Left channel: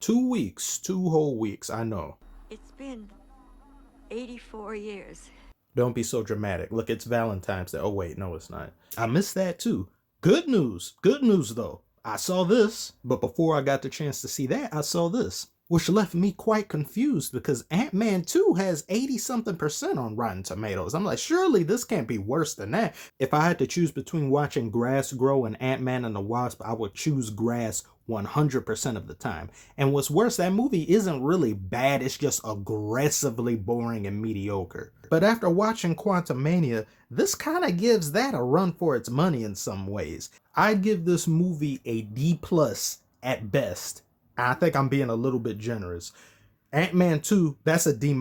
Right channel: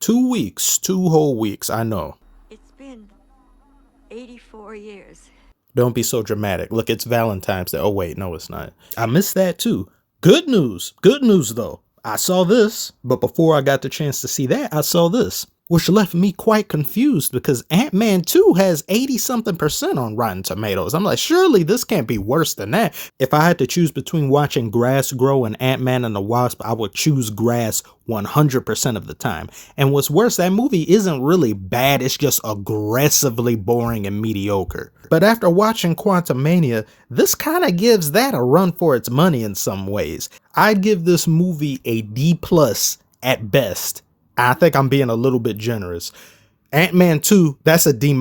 2 weeks, 2 whole weeks, I know. It's been 84 years. Don't be so dramatic. Look, it's Valentine's Day. Oh, wait, no, it's not. I missed that too. Good news. Good news, though. I saw this, but before I got the chance to see that, I saw this, which left me quite confused because Ant-Man 2 has 80-something% on Rotten Tomatoes. I'm like, surely this can't be worse than that. If I had to choose between watching grass grow and Ant-Man and the Wasp, I would choose grass 100% of the time. And what's worse, that movie isn't really bad, it's just aggressively boring and mediocre. But after watching Quantumania, this kind of gives that a run for its money in some ways. I'd give this movie a D+ at best. I think I'm being a little bit generous. Ant-Man 2, that's a D-.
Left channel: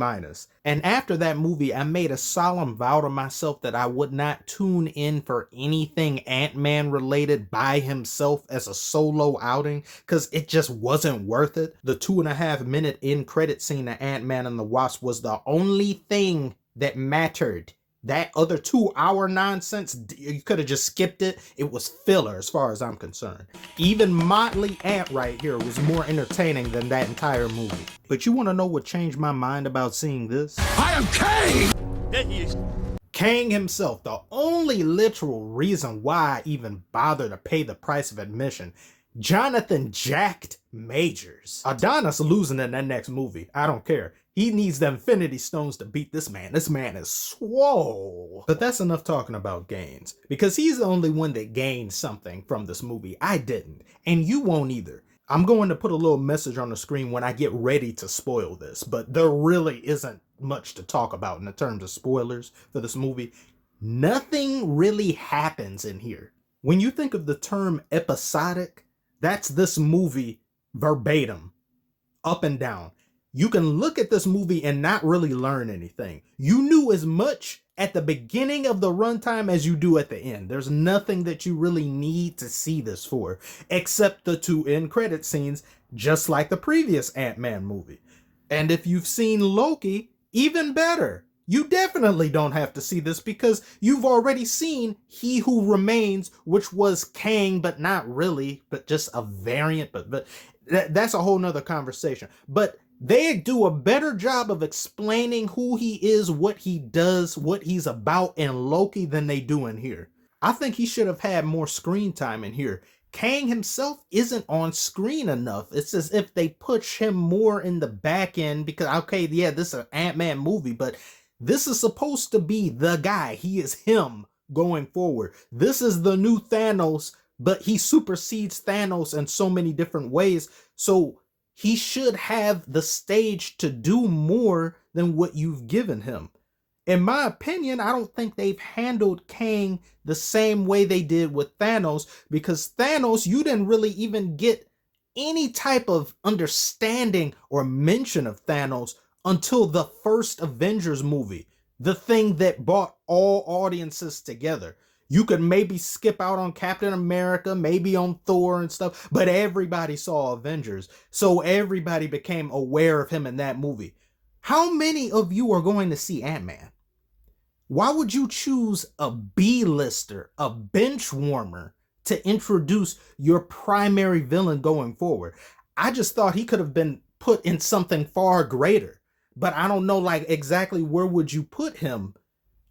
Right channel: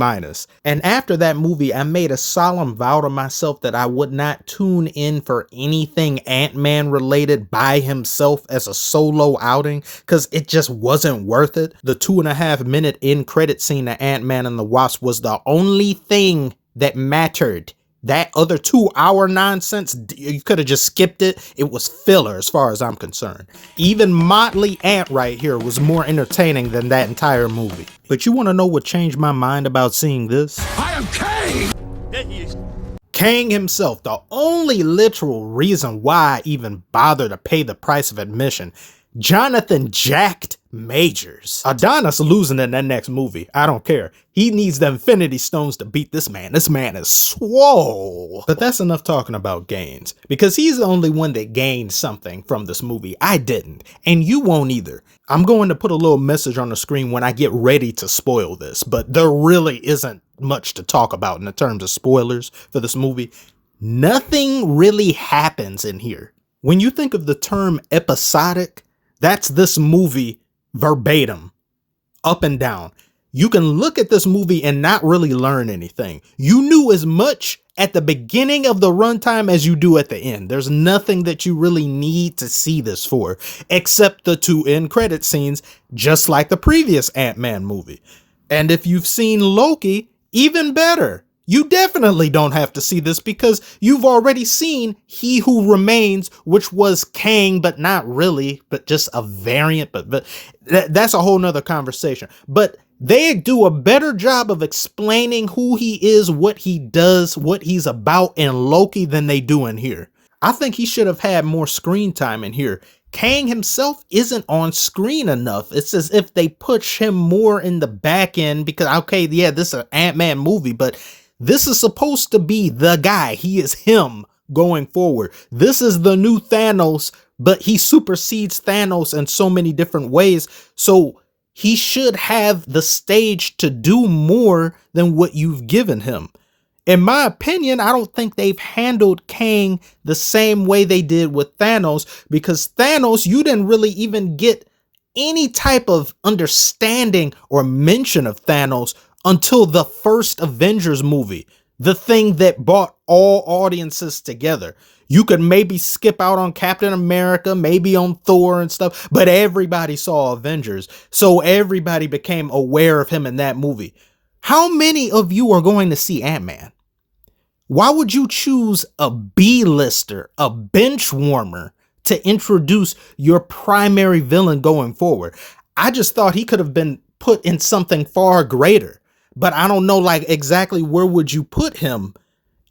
And after that movie, I made a solemn vow to myself that I would not tune in for anything Ant-Man related by himself as a solo outing, because it just wasn't worth it. The 2.5-minute end credit scene of Ant-Man and the Wasp was the only thing that mattered. That other 2-hour nonsense, you could have just skipped it. It was filler as far as I'm concerned. Even Motley Ant right here was more entertaining than that entire movie. But you want to know what changed my mind about seeing this? I am Kang! Kang himself, the only literal reason why I even bother to pay the price of admission. Jonathan Jacked Majors. Adonis losing in that next movie. I don't care. He needs the Infinity Stones to beat this man. This man is swole. But that's enough talking about gains, because he's the only one that gained something from this movie. I didn't, and you won't either. I'm going to put a little message on the screen when I get ready to spoil this, but there really isn't much to talk about in the terms of spoilers for this movie. Nothing really happens in here. When you think of the term episodic, that's this movie verbatim, up and down. You can look at this movie and not really learn anything. You knew as much at the beginning of the runtime as you do at the end. There's nothing that you really need to see this for, except the 2 end credit scenes, just like the previous Ant-Man movie. And if you've seen Loki, even better. You definitely don't have to see this because you've already seen He Who Remains, which was Kang, but not really, but just a variant. But that's a whole nother conversation. But they do a better job of explaining who he is, what he does, what he's about in Loki than they do in here. I think he should have had more screen time in here. Kang himself isn't on screen enough. It's as if they push him more in the back end because, okay, yeah, this is an Ant-Man movie, but this is supposed to be the guy. He is him going forward. This is the new Thanos, but he supersedes Thanos in so many different ways. So he should have the stage to do more than what you've given him. In my opinion, I don't think they've handled Kang the same way they did with Thanos, because Thanos, you didn't really even get any type of understanding or mention of Thanos until the first Avengers movie, the thing that brought all audiences together. You could maybe skip out on Captain America, maybe on Thor and stuff, but everybody saw Avengers, so everybody became aware of him in that movie. How many of you are going to see Ant-Man? Why would you choose a B-lister, a bench warmer, to introduce your primary villain going forward? I just thought he could have been put in something far greater, but I don't know like exactly where would you put him.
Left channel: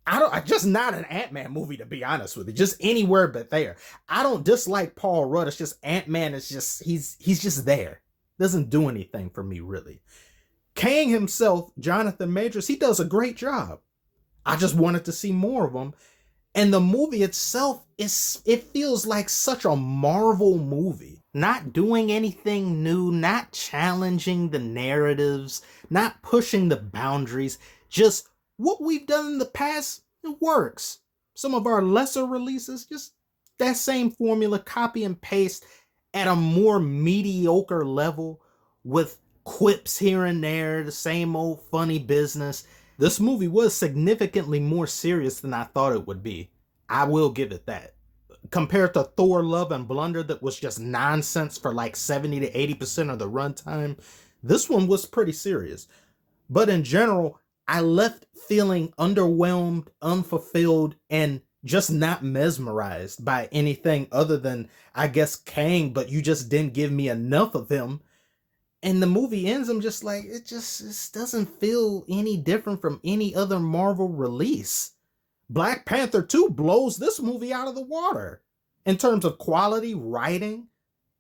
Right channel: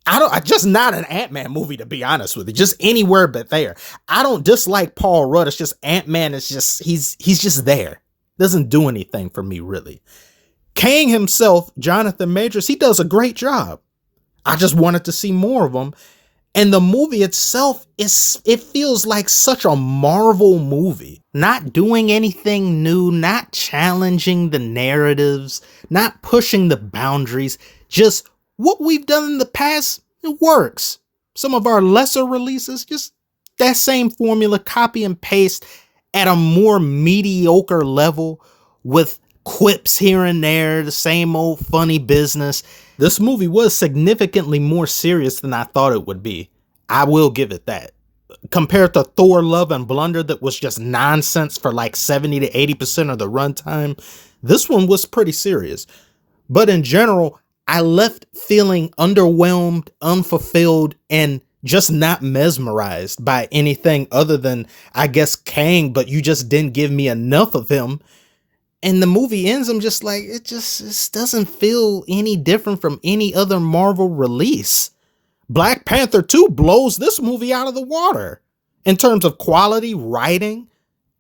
I just not an Ant-Man movie, to be honest with you, just anywhere but there. I don't dislike Paul Rudd. It's just Ant-Man is just, he's just there. Doesn't do anything for me, really. Kang himself, Jonathan Majors, he does a great job. I just wanted to see more of him. And the movie itself, it feels like such a Marvel movie. Not doing anything new, not challenging the narratives, not pushing the boundaries. Just what we've done in the past, it works. Some of our lesser releases, just that same formula, copy and paste at a more mediocre level with quips here and there, the same old funny business. This movie was significantly more serious than I thought it would be. I will give it that. Compared to Thor Love and Blunder that was just nonsense for like 70 to 80% of the runtime, this one was pretty serious. But in general, I left feeling underwhelmed, unfulfilled, and just not mesmerized by anything other than, I guess, Kang, but you just didn't give me enough of him. And the movie ends, I'm just like, it just doesn't feel any different from any other Marvel release. Black Panther 2 blows this movie out of the water in terms of quality, writing,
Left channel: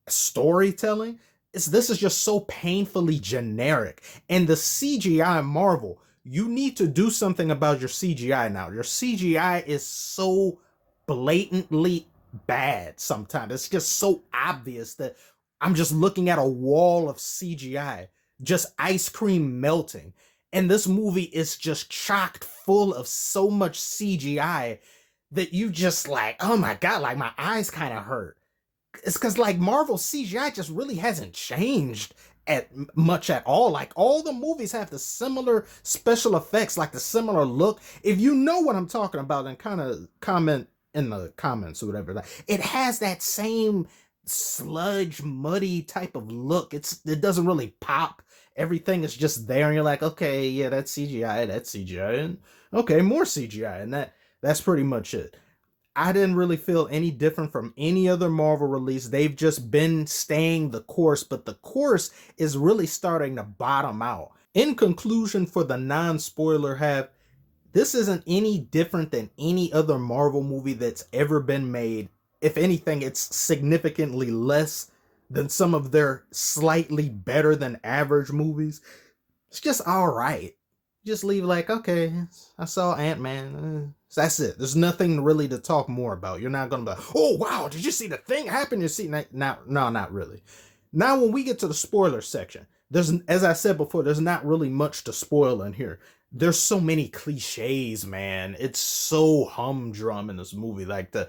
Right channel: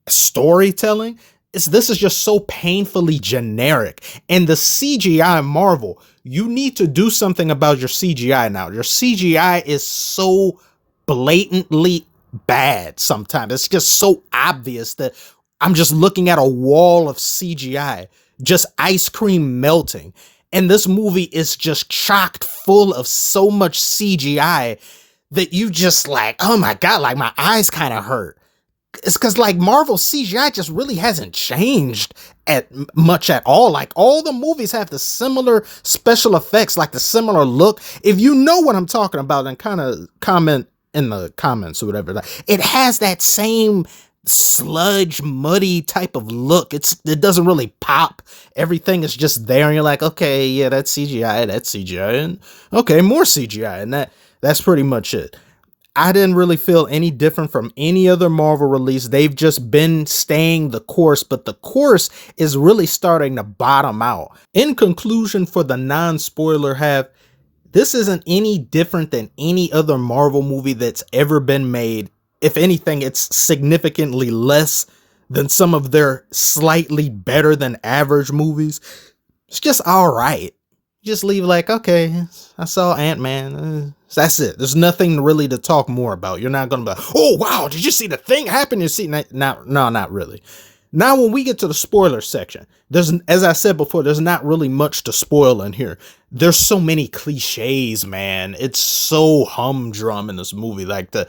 storytelling. This is just so painfully generic. And the CGI Marvel, you need to do something about your CGI now. Your CGI is so blatantly bad sometimes. It's just so obvious that I'm just looking at a wall of CGI, just ice cream melting. And this movie is just chocked full of so much CGI that you just like, oh my God, like my eyes kind of hurt. It's because like Marvel CGI just really hasn't changed much at all. Like all the movies have the similar special effects, like the similar look. If you know what I'm talking about, then kind of comment in the comments or whatever. Like, it has that same sludge, muddy type of look. It doesn't really pop. Everything is just there, and you're like, okay, yeah, that's CGI, and okay, more CGI, and that's pretty much it. I didn't really feel any different from any other Marvel release. They've just been staying the course, but the course is really starting to bottom out. In conclusion, for the non-spoiler half, this isn't any different than any other Marvel movie that's ever been made. If anything, it's significantly less than some of their slightly better than average movies. It's just all right. Just leave like, okay, I saw Antman. That's it. There's nothing really to talk more about. You're not going to be like, oh, wow, did you see the thing happen? You see, no, not really. Now, when we get to the spoiler section, as I said before, there's not really much to spoil in here. There's so many cliches, man. It's so humdrum in this movie. Like the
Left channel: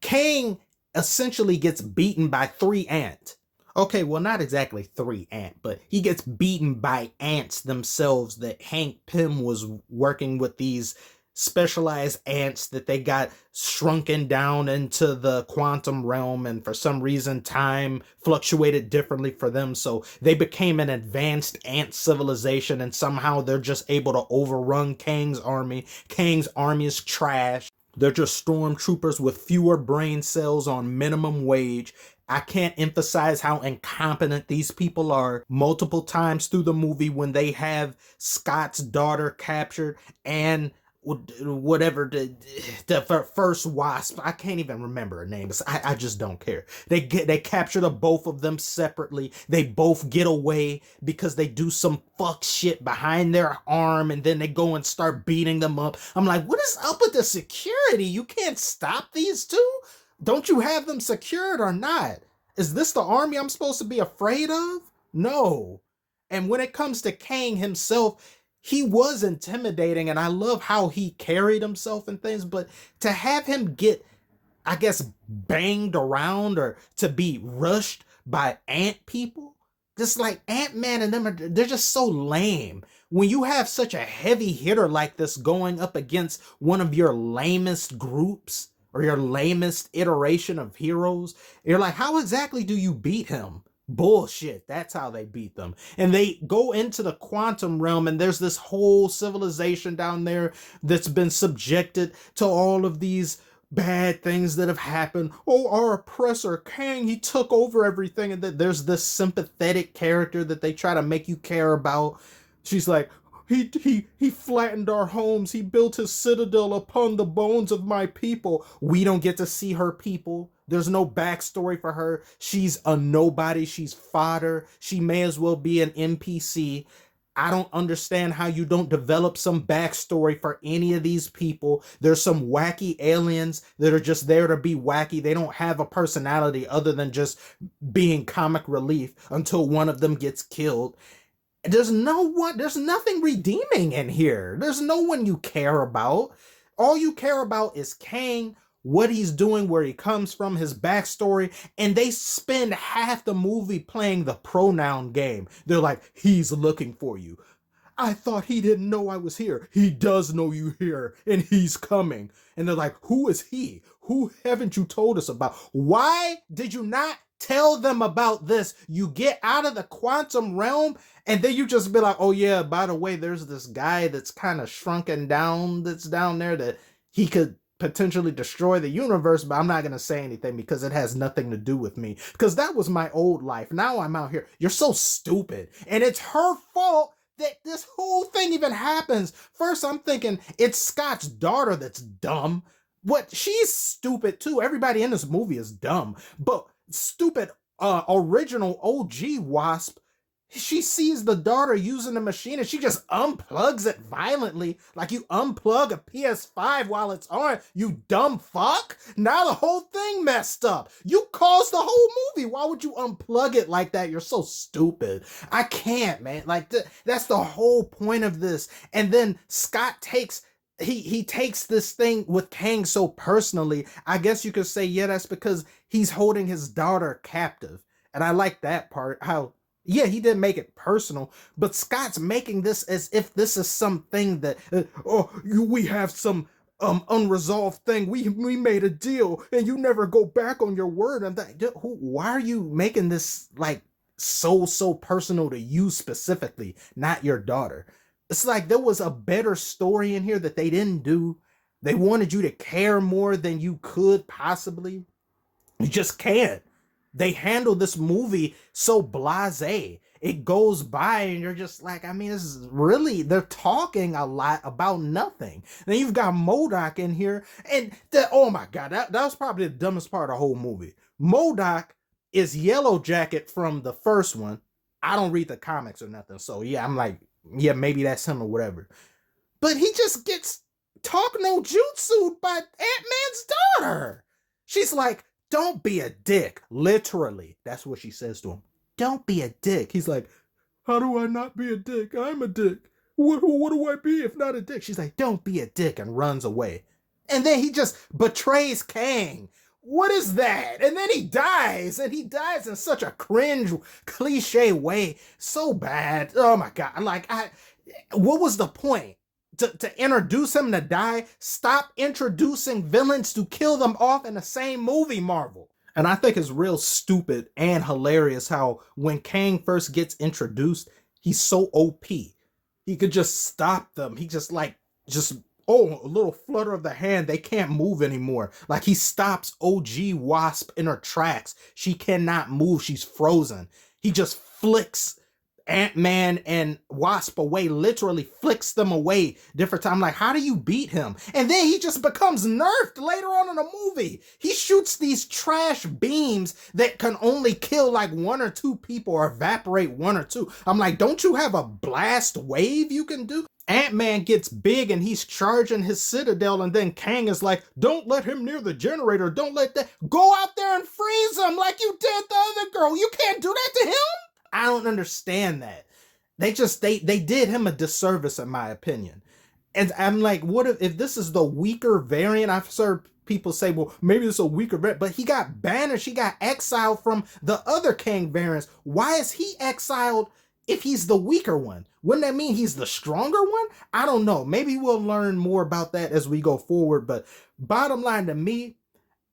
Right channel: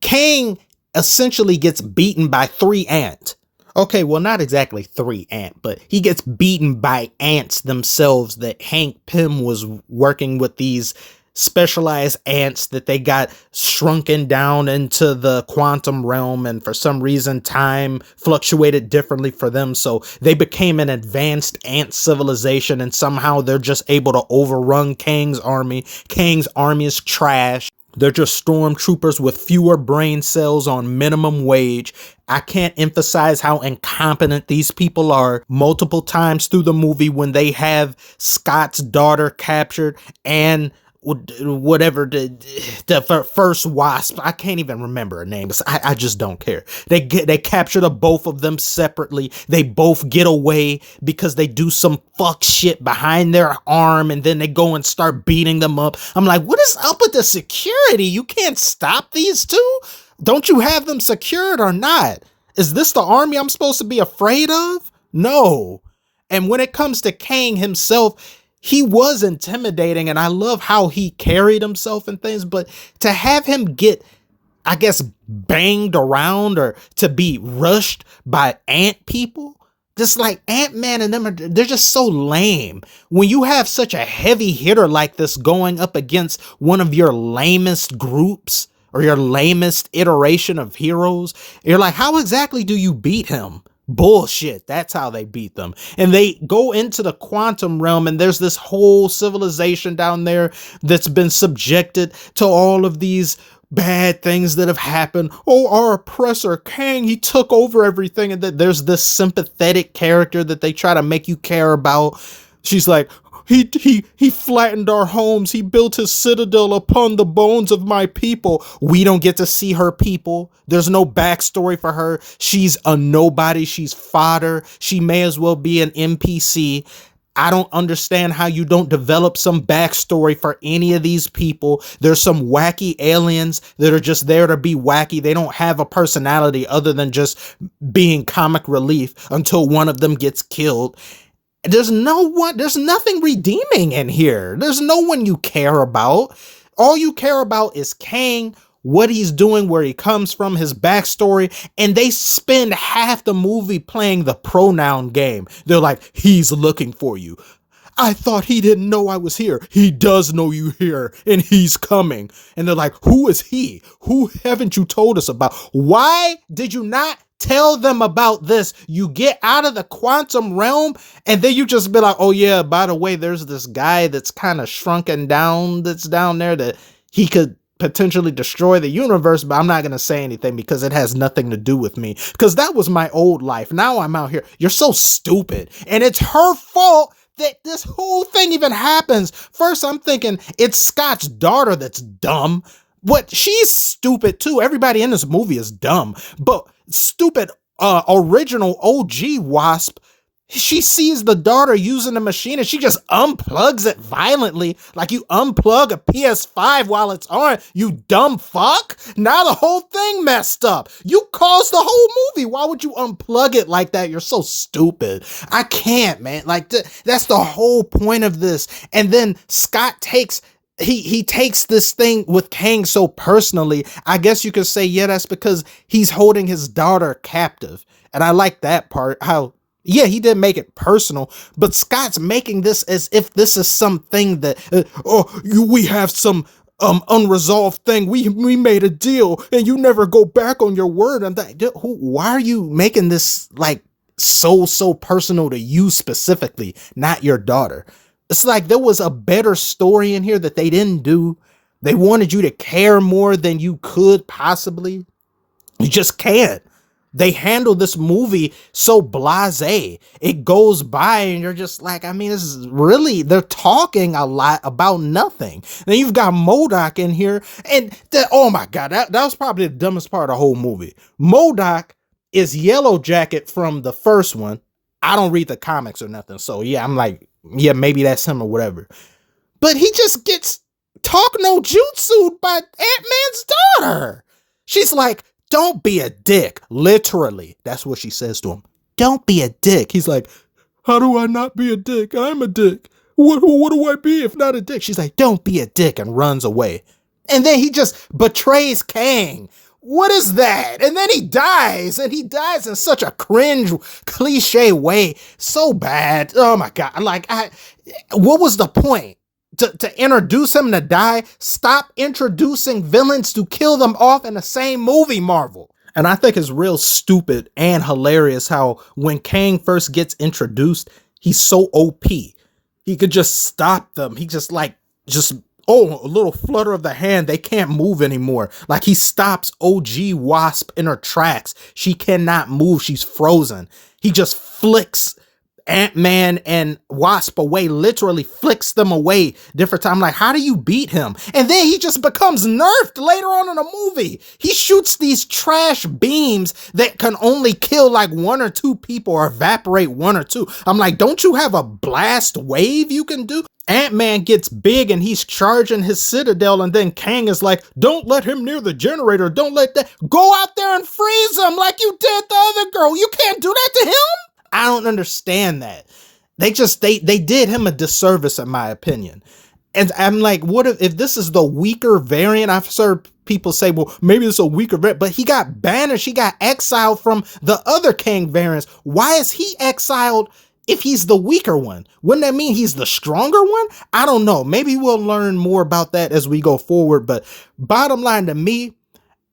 Kang essentially gets beaten by 3 ants. Okay, well, not exactly 3 ants, but he gets beaten by ants themselves that Hank Pym was working with, these specialized ants that they got shrunken down into the quantum realm, and for some reason time fluctuated differently for them, so they became an advanced ant civilization, and somehow they're just able to overrun Kang's army. Kang's army is trash. They're just stormtroopers with fewer brain cells on minimum wage. I can't emphasize how incompetent these people are. Multiple times through the movie when they have Scott's daughter captured and whatever the first Wasp, I can't even remember her name. I just don't care. They capture the both of them separately. They both get away because they do some fuck shit behind their arm, and then they go and start beating them up. I'm like, what is up with the security? You can't stop these two? Don't you have them secured or not? Is this the army I'm supposed to be afraid of? No. And when it comes to Kang himself, he was intimidating, and I love how he carried himself and things, but to have him get, I guess, banged around or to be rushed by ant people, just like Ant-Man and them, they're just so lame. When you have such a heavy hitter like this going up against one of your lamest groups or your lamest iteration of heroes, you're like, how exactly do you beat him? Bullshit. That's how they beat them. And they go into the quantum realm, and there's this whole civilization down there that's been subjected to all of these bad things that have happened. Oh, our oppressor Kang, he took over everything. And that there's this sympathetic character that they try to make you care about. She's like, he flattened our homes. He built his citadel upon the bones of my people. We don't get to see her people. There's no backstory for her. She's a nobody. She's fodder. She may as well be an NPC. I don't understand how you don't develop some backstory for any of these people. There's some wacky aliens that are just there to be wacky. They don't have a personality other than just being comic relief until one of them gets killed. There's nothing redeeming in here. There's no one you care about. All you care about is Kang, what he's doing, where he comes from, his backstory, and they spend half the movie playing the pronoun game. They're like, he's looking for you. I thought he didn't know I was here. He does know you here, and he's coming. And they're like, who is he? Who haven't you told us about? Why did you not tell them about this? You get out of the quantum realm, and then you just be like, oh yeah, by the way, there's this guy that's kind of shrunken down that's down there that he could potentially destroy the universe, but I'm not going to say anything because it has nothing to do with me. Because that was my old life. Now I'm out here. You're so stupid. And it's her fault that this whole thing even happens. First, I'm thinking it's Scott's daughter that's dumb. But she's stupid too. Everybody in this movie is dumb. But stupid original OG Wasp, she sees the daughter using the machine and she just unplugs it violently, like you unplug a PS5 while it's on, you dumb fuck. Now the whole thing messed up. You caused the whole movie. Why would you unplug it like that? You're so stupid. I can't, man. Like that's the whole point of this. And then Scott takes he takes this thing with Kang so personally. I guess you could say, yeah, that's because he's holding his daughter captive. And I like that part, how yeah, he did make it personal, but Scott's making this as if this is something that, we have some unresolved thing. We made a deal and you never go back on your word. And that, why are you making this like so personal to you specifically, not your daughter? It's like there was a better story in here that they didn't do. They wanted you to care more than you could possibly. You just can't. They handle this movie so blasé. It goes by and you're just like, I mean, this is really, they're talking a lot about nothing. Then you've got MODOK in here and oh my God, that was probably the dumbest part of the whole movie. MODOK is Yellow Jacket from the first one. I don't read the comics or nothing. So yeah, I'm like, yeah, maybe that's him or whatever. But he just gets talk no jutsu'd by Ant-Man's daughter. She's like, don't be a dick. Literally. That's what she says to him. Don't be a dick. He's like, how do I not be a dick? I'm a dick. What do I be if not a dick? She's like, don't be a dick, and runs away. And then he just betrays Kang. What is that? And then he dies, and he dies in such a cringe, cliche way. So bad. Oh my God. Like, what was the point? To introduce him to die? Stop introducing villains to kill them off in the same movie, Marvel. And I think it's real stupid and hilarious how when Kang first gets introduced, he's so OP. He could just stop them. He just a little flutter of the hand. They can't move anymore. Like he stops OG Wasp in her tracks. She cannot move. She's frozen. He just flicks Ant-Man and Wasp away, literally flicks them away different time. Like, how do you beat him? And then he just becomes nerfed later on in the movie. He shoots these trash beams that can only kill like 1 or 2 people or evaporate 1 or 2. I'm like, don't you have a blast wave you can do? Ant-Man gets big and he's charging his citadel, and then Kang is like, don't let him near the generator. Don't let that. Go out there and freeze him like you did the other girl. You can't do that to him. I don't understand that. They did him a disservice, in my opinion. And I'm like, what if this is the weaker variant? I've heard people say, well, maybe it's a weaker variant, but he got banished. He got exiled from the other Kang variants. Why is he exiled if he's the weaker one? Wouldn't that mean he's the stronger one? I don't know. Maybe we'll learn more about that as we go forward. But bottom line to me,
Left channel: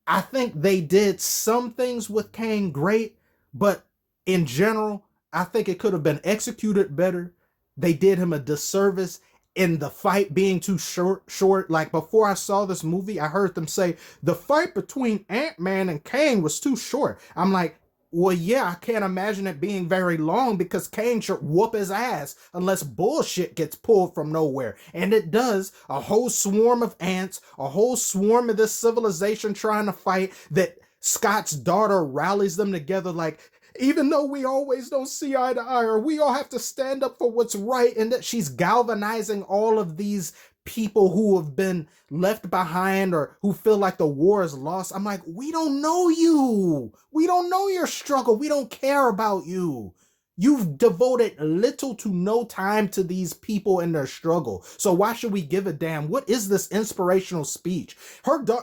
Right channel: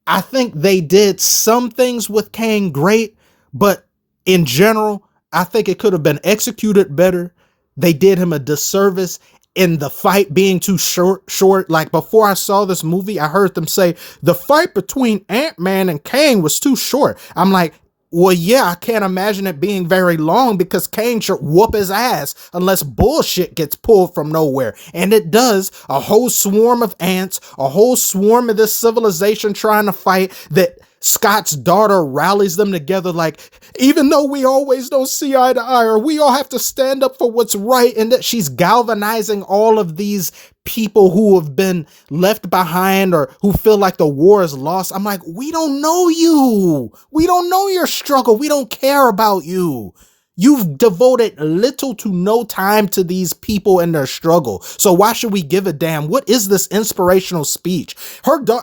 I think they did some things with Kang great, but in general, I think it could have been executed better. They did him a disservice in the fight being too short. Like before I saw this movie, I heard them say the fight between Ant-Man and Kang was too short. I'm like, well, yeah, I can't imagine it being very long because Kang should whoop his ass unless bullshit gets pulled from nowhere. And it does. A whole swarm of ants, a whole swarm of this civilization trying to fight that Scott's daughter rallies them together like, even though we always don't see eye to eye, or we all have to stand up for what's right, and that she's galvanizing all of these people who have been left behind or who feel like the war is lost. I'm like, we don't know you. We don't know your struggle. We don't care about you. You've devoted little to no time to these people and their struggle. So why should we give a damn? What is this inspirational speech?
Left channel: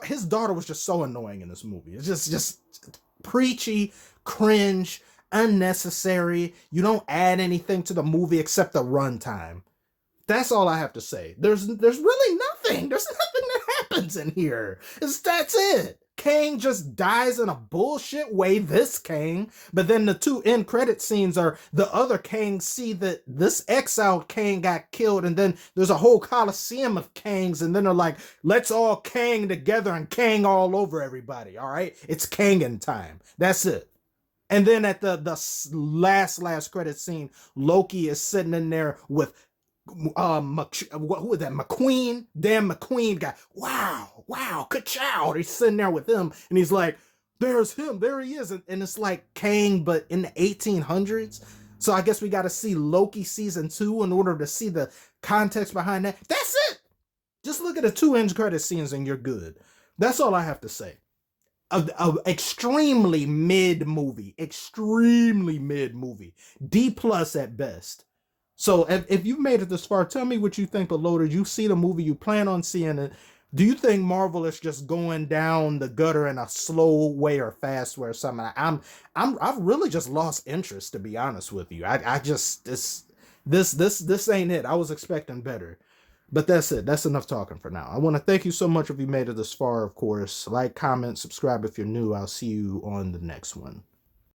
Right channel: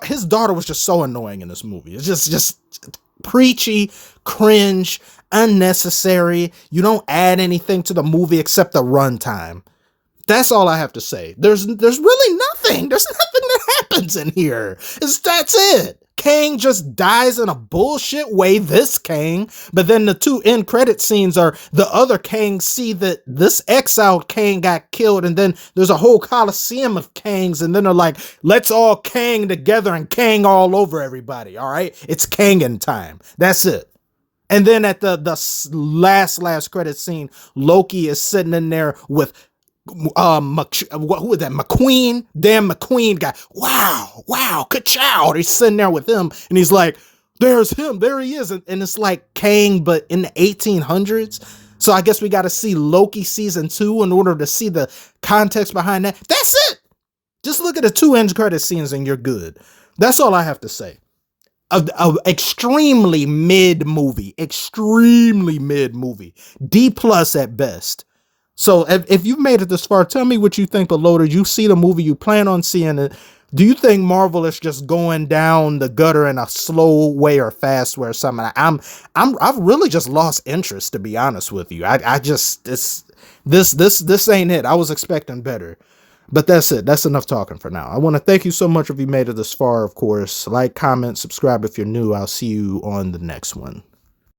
His daughter was just so annoying in this movie. It's just preachy, cringe, unnecessary. You don't add anything to the movie except the runtime. That's all I have to say. There's really nothing. There's nothing that happens in here. That's it. Kang just dies in a bullshit way, this Kang, but then the two end credit scenes are the other Kang see that this exiled Kang got killed, and then there's a whole coliseum of Kangs, and then they're like, let's all Kang together and Kang all over everybody, all right? It's Kangin' time. That's it. And then at the last credit scene, Loki is sitting in there with who was that? McQueen? Damn McQueen guy. Wow, ka-chow. He's sitting there with him and he's like, there's him, there he is. And it's like Kang, but in the 1800s. So I guess we got to see Loki season 2 in order to see the context behind that. That's it. Just look at the 2 end credit scenes and you're good. That's all I have to say. A extremely mid movie, D+ at best. So if you've made it this far, tell me what you think below. Did you see the movie? You plan on seeing it? Do you think Marvel is just going down the gutter in a slow way or fast way or something? I've really just lost interest, to be honest with you. I just this ain't it. I was expecting better. But that's it. That's enough talking for now. I want to thank you so much if you made it this far, of course. Like, comment, subscribe if you're new. I'll see you on the next one.